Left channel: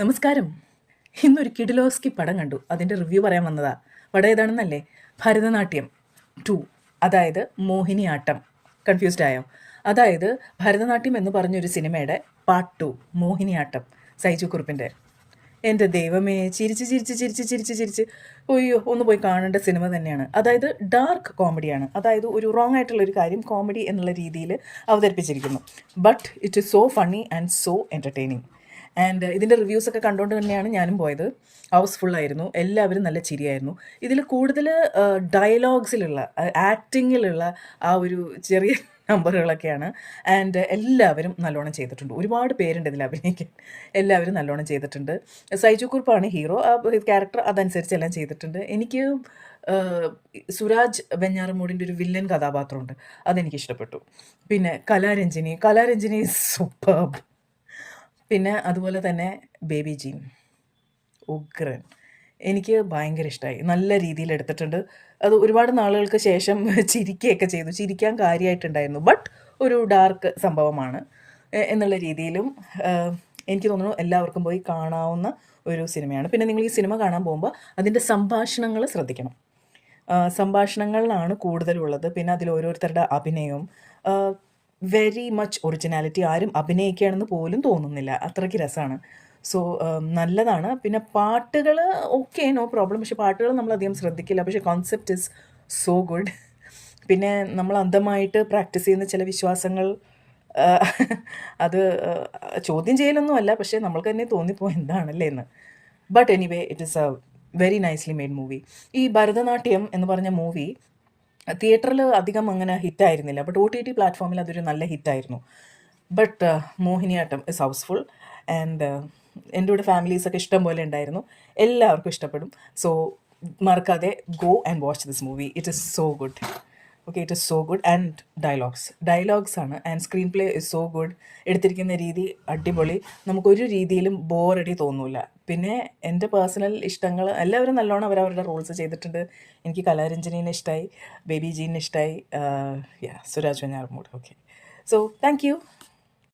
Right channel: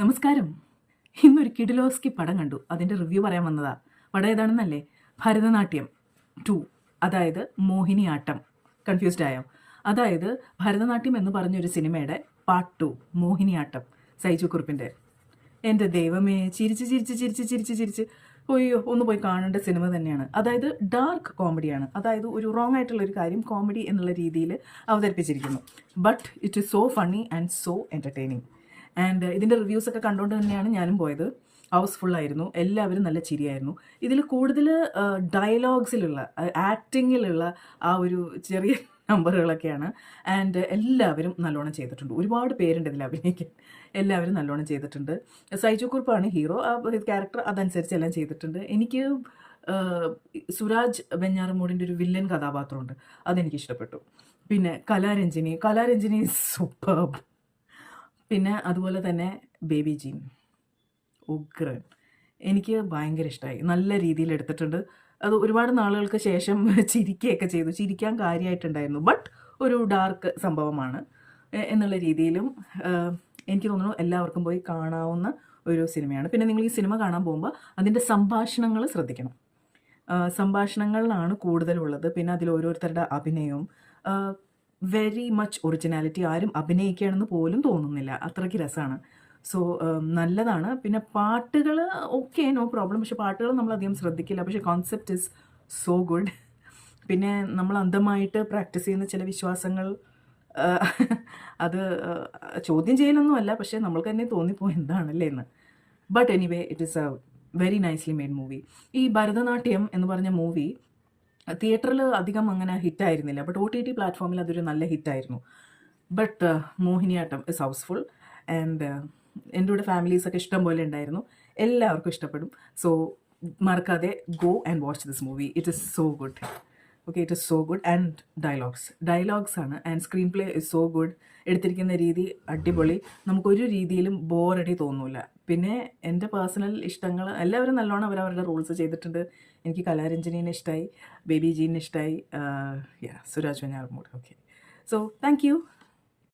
നമസ്കാരം. ഇന്നൊരു കിഡിലോസ്കി പടം കണ്ടു. അതിൻ്റെ റിവ്യൂ പറയാൻ വന്നതാ. പടം ഏതാണെന്നല്ലേ? ഭരതനാട്യം 2, അതായത് മോഹിനിയാട്ടം. കൺഫ്യൂസ്ഡ് ആയോ? അതായത് ഭരതനാട്യം എന്ന് പറഞ്ഞൊരു സിനിമയുടെ പാർട്ട് 2 മോഹിനിയാട്ടം, സൈജു കുറുപ്പിൻ്റെ. എൻ്റെ ദൈവമേ, ചിരിച്ച് ചിരിച്ച് ചിരിച്ച് ചിരിച്ച് ചിരിച്ച് ഒയ്യോ, ഒന്ന് പോയി കാണേണ്ട സിനിമ തന്നെയാണ്. അതായത് ഡാർക്ക് കോമഡിയാണ്. അതായത് ഒരു റോങ് ആയിട്ടുള്ളൊരു കാര്യം കോമഡി എന്നുള്ള രീതിയിൽ അവതരിപ്പിച്ചിരിക്കുന്നു. But it is so funny and so entertaining. And ഇതിൻ്റെ റിവ്യൂസൊക്കെ കണ്ടുകൊണ്ട് തന്നെയാണ് ഞാനും പോയത്. ഹൗസ്ഫുള്ളായിരുന്നു, എല്ലാവരും നല്ല ചിരിയായിരുന്നു. ഇതിൽ കൂടുതൽ ഡയലോഗ്സിലുള്ള ആക്ടിങ്ങിലുള്ള ആ ഒരു ചെറിയ നമ്പറുകളൊക്കെയാണ്. ആൻഡ് എല്ലാവരും നല്ലോണം ചെയ്തിട്ടുണ്ട്. ഒരുപാട് പേരുണ്ട് ഇതിൽ അഭിനയിക്കാൻ. എല്ലാവരും നല്ലോണം ചെയ്തിട്ടുണ്ട്. സൈജു കുറുപ്പാണ് ഹീറോ. ആ ക്യാരക്ടർ അതനുസരിച്ച് എല്ലാം ചെയ്തിട്ടുണ്ട്. എനിക്ക് സുരാജ് വെഞ്ഞാറമൂടിൻ്റെ ഒരു വില്ലൻ കഥാപാത്രമുണ്ട്, അതെനിക്കിഷ്ടപ്പെട്ടു. പിന്നെ കലാരഞ്ജിനി സൂപ്പർബ്. പിന്നെ അതുപോലെ തന്നെ ബേബി ജീൻ ഉഗ്രൻ. എനിക്ക് ഭയങ്കര ഇഷ്ടമായി. നല്ല രീതിയിൽ എടുത്തിട്ടുണ്ട്. അത് ഒരുപാട് നാളുകൾക്ക് ശേഷം ചിരിക്കുകയൊക്കെ ചെയ്തു. ചിരിക്കാൻ കാര്യമായിട്ടുണ്ടായിരുന്നു. ബട്ട് ഒരു ഡാർക്ക് സംഭവമാണ് എന്നുള്ള രീതിയിലും എനിക്ക് തോന്നുന്നു എല്ലാവർക്കും പോയി കാണാവുന്ന ഒരു സിനിമയാണ്. പിന്നെ നിങ്ങൾ ഈ സിനിമ കാണാൻ പോകുമ്പോൾ അതിൻ്റെ സംഭാഷണങ്ങൾ ശ്രദ്ധിക്കണം. സംഭാഷണങ്ങളിലാണ് കൂടുതലുള്ളത്. പിന്നെ അതിൽ ഓരോരുത്തരുടെ അഭിനയവും വെരി മച്ച് ഒറിജിനാലിറ്റി. ആരും അഭിനയിക്കുകയാണെന്ന് പോലും തോന്നുന്നില്ല, അത്രയ്ക്ക് രസമാണ്. സോ നല്ലതാണ്. പിന്നെ പാട്ടുകൾ ഓക്കെ, നോ പ്രോബ്ലം. പക്ഷേ പാട്ടുകൾ നമ്മളധികം ശ്രദ്ധിക്കില്ല. പക്ഷേ കോൺസെപ്റ്റ് ഇസ് സോ ഗുഡ്. പിന്നെ നമ്മൾ അന്ധമായിട്ട് പ്രാക്ടീസ് ചെയ്യുന്ന ചില വിശ്വാസങ്ങൾ അത് ചോദ്യം ചെയ്യലൊന്നുമല്ല, പക്ഷേ നമ്മൾക്ക് തന്നെ തോന്നിപ്പോയി എന്താണല്ലേ എന്ന്. But anyway, it is A very nicely made movie. ഈ ഭരതനാട്യം എന്ന് പറഞ്ഞ മൂവി തിയേറ്ററിൽ അധികം അങ്ങനെ ഹിറ്റായിരുന്നില്ല. ബട്ട് OTT പ്ലാറ്റ്ഫോമിൽ അതൊരു നല്ല ഹിറ്റായിരുന്നു. But Mohiniyattam is housefull. And എൻ്റെ കൂടെ ഫാമിലീസൊക്കെ ഇഷ്ടം പോലെ ഉണ്ടായിരുന്നു. എല്ലാവർക്കും ഇഷ്ടപ്പെടും. സോ മറക്കാതെ go and watch this movie. It is so good. Okay, it is so good. And dialogues ആണ്. And screenplay is so good. എടുത്തിരിക്കുന്ന രീതി അടിപൊളി. നമുക്കൊരു രീതിയിലും ബോറടി തോന്നില്ല. പിന്നെ എൻ്റെ പേഴ്സണൽ ഇഷ്ടങ്ങൾ എല്ലാവരും നല്ലോണം അവരവരുടെ റോൾസ് ചെയ്തിട്ടുണ്ട്. എനിക്ക് കലാരഞ്ജനീനെ ഇഷ്ടമായി, ബേബി ജീനെ ഇഷ്ടമായി, Suraj Venjaramoodu. Okay, so thank you.